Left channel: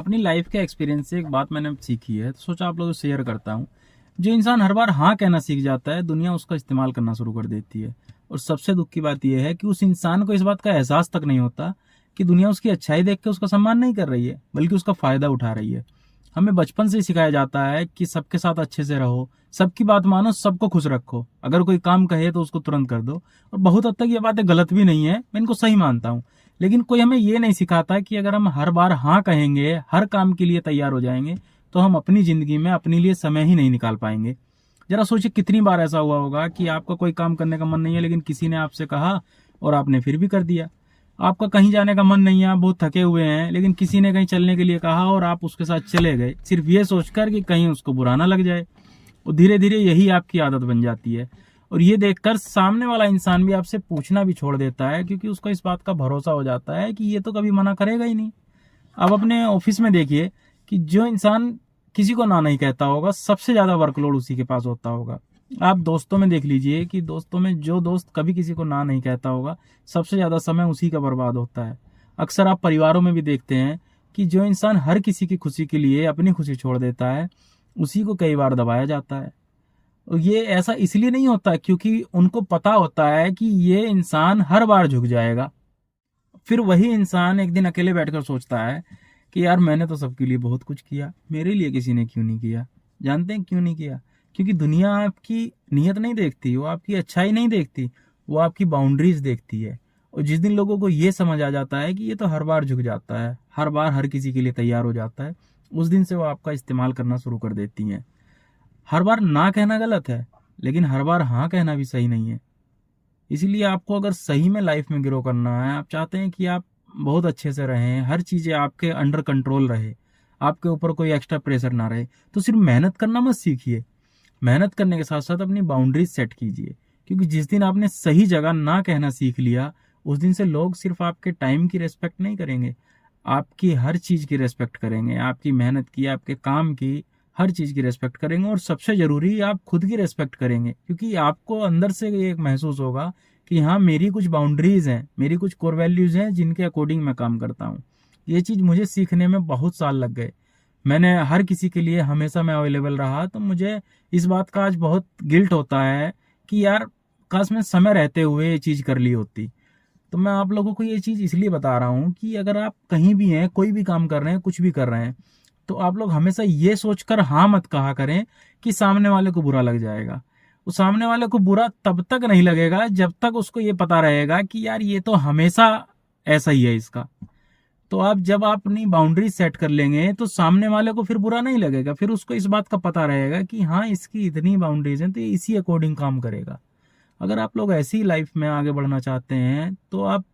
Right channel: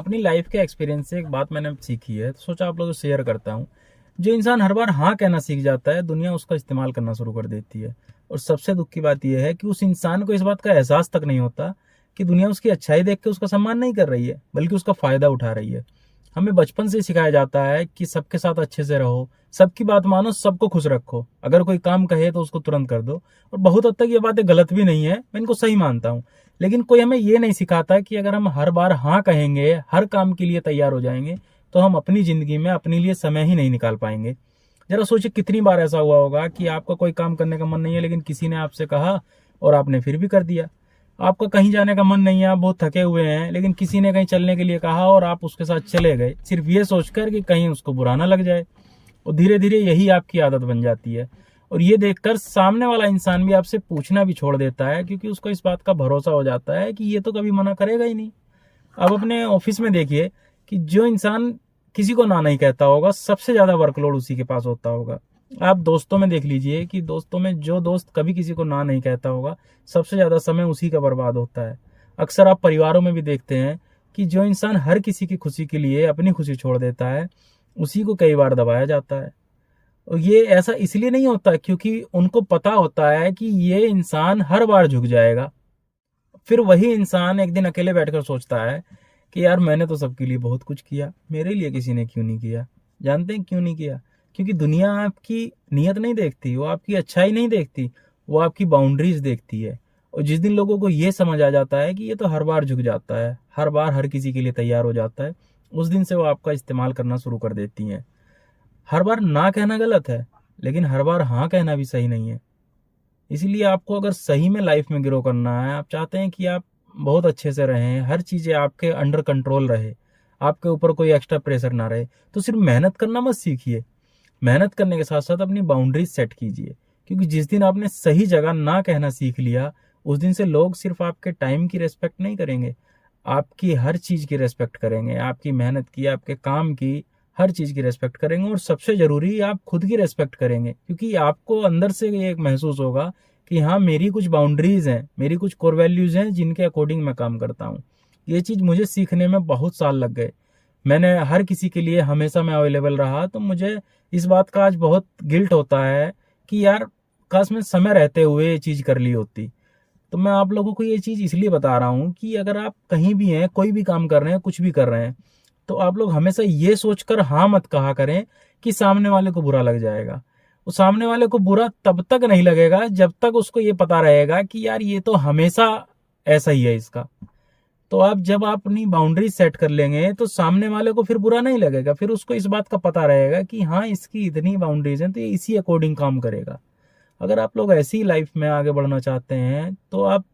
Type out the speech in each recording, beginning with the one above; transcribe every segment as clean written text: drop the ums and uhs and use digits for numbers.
अपनी लाइफ के एक्सपीरियंस से एक बात मैंने सीखी है, तो सोचा आप लोगों से शेयर करता हूँ। जो इंसान हर बार हाँ कहना सीख जाता है, दुनिया उसका इस्तेमाल करना शुरू कर देती है। और सबसे दुख की बात यह है कि उस इंसान को इस बात का एहसास तक नहीं होता कि दुनिया उसकी अच्छाई देख के उसका सम्मान नहीं कर रही है, बल्कि उसका फायदा उठा रही है। हमें बचपन से ही सिखाया जाता है कि सबके साथ अच्छे से रहो, सबकी बात मानो, सबको खुश रखो। अगर कोई काम कहे तो उसको तुरंत कर दो। और बहुत हद तक ये बातें गलत भी नहीं है, मैं इनको सही मानता हूँ। लेकिन कोई हमें ये नहीं सिखाता कि अगर हम हर बार हाँ कहेंगे, हर काम के लिए तैयार हो जाएंगे, तो हम अपनी जिंदगी में अपने लिए समय ही नहीं निकाल पाएंगे। जरा सोचिए कितनी बार ऐसा हुआ होगा कि आपका कोई काम करने का मन नहीं है, लेकिन किसी ने आपसे कहा और आपने फिर भी कर दिया। आपका कहीं जाने का मन नहीं है, आप बहुत थके हुए हैं, लेकिन किसी ने कहीं चलने के लिए कहा और आप उसके साथ चले गए, सिर्फ ये सोचकर कि कहीं उसको बुरा ना लग जाए। और धीरे धीरे यही आपकी आदत बन जाती है। और ये देखकर सामने वाला इंसान भी आपसे पूछना भी छोड़ देता है, क्योंकि उसको इस बात का भरोसा हो जाता है कि ये तो कभी मना करेगा ही नहीं। अब अपने ऑफिस में देखिए कि जो इंसान किसी को ना नहीं कहता होगा, सबसे ज्यादा वर्कलोड उसी के पास होता होगा। आप दोस्तों में देख लीजिए कि दोस्तों में जो दोस्त कभी किसी को ना नहीं कहता होगा, सबसे ज्यादा समय उसी का बर्बाद होता है। अक्सर आप परिवारों में भी देखते हैं कि जो इंसान हर किसी की खुशी के लिए अपनी खुशी छोड़ देता है, उसी को कई बार दबाया जाता है। और ये ऐसा इसलिए नहीं होता क्योंकि उनको पता होता है कि ये इंसान हर बार झुक जाएगा। फिर वही इंसान एक दिन अकेले बैठकर सोचता है कि यार मैंने तो सबके लिए बहुत कुछ किया, मेरे लिए किसी ने क्यों नहीं किया। जानते हैं क्यों नहीं किया? क्योंकि दुनिया आपकी नियत नहीं देखती, वो आपकी अच्छाई नहीं देखती, वो आपकी बाउंड्रीज देखती है। और जिस दिन लोगों को ये समझ आ जाता है कि ये तो हर बार झुक जाता है, हर बार हर किसी के लिए तैयार हो जाता है, उस दिन से वो आपका इस्तेमाल करना शुरू कर देती हैं। हर बार ना कहना गलत है, लेकिन हर बार हाँ कहना भी सही नहीं है। इसीलिए आपको अगर सही में लाइफ में ग्रो करना है, आप चाहते हैं कि आप बहुत अच्छे से रहें, हर चीज़ें आपके अंडर कंट्रोल रहे, आपके ऊपर कोई एक्स्ट्रा प्रेशर ना रहे, तो सिर्फ मेहनत करना मत सीखिए। मेहनत करने के साथ साथ अपनी बाउंड्रीज सेट कीजिए। क्योंकि जिस दिन आपने सही जगह ना कहना सीख लिया, उस दिन से लोग सिर्फ आपके टाइम की रेस्पेक्ट नहीं करेंगे, आपकी हर चीज़ की रेस्पेक्ट करेंगे। आपकी मेहनत की, आपके काम की, हर चीज़ की रेस्पेक्ट करेंगे। और सबसे ज़रूरी, आप खुद की रेस्पेक्ट करेंगे, क्योंकि आपको अंदर से ये एक महसूस होगा कि हाँ, मेरी कुछ बाउंड्रीज हैं, मेरी कुछ कोर वैल्यूज हैं जिनके अकॉर्डिंग मैं काम करता हूँ। ये चीज़ मुझे सीखने में बहुत साल लग गए। मैंने हर किसी के लिए हमेशा मैं अवेलेबल रहा, तो मुझे इस बात का आज बहुत गिल्ट होता है कि यार काश मैं समय रहते हुए ये चीज़ कर ली होती। तो मैं आप लोगों को ये चीज़ इसलिए बता रहा हूँ कि अगर आप कहीं भी हैं, कोई भी काम कर रहे हैं, कुछ भी कर रहे हैं, तो आप लोग हमेशा ये सोचकर हाँ मत कहा करें कि सामने वाले को बुरा लग जाएगा। वो सामने वाले को बुरा तब तक नहीं लगेगा जब तक उसको ये पता रहेगा कि यार ये तो हमेशा ऐसा ही है इसका। तो आप जब आप अपनी बाउंड्री सेट कर लेंगे, तो सामने वाले को फिर बुरा नहीं लगेगा, फिर उसको इस बात का पता रहेगा कि हाँ, इसकी इतनी बाउंड्रीज हैं, तो ये इसी अकॉर्डिंग काम करेगा। अगर आप लोग ऐसी लाइफ में आगे बढ़ना चाहते हैं, तो आप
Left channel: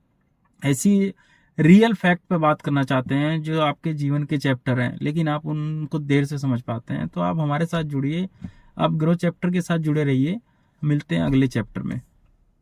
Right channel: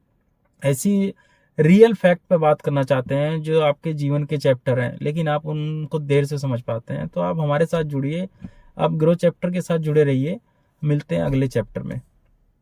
ऐसी रियल फैक्ट पे बात करना चाहते हैं जो आपके जीवन के चैप्टर हैं, लेकिन आप उनको देर से समझ पाते हैं, तो आप हमारे साथ जुड़िए, आप ग्रो चैप्टर के साथ जुड़े रहिए। मिलते हैं अगले चैप्टर में।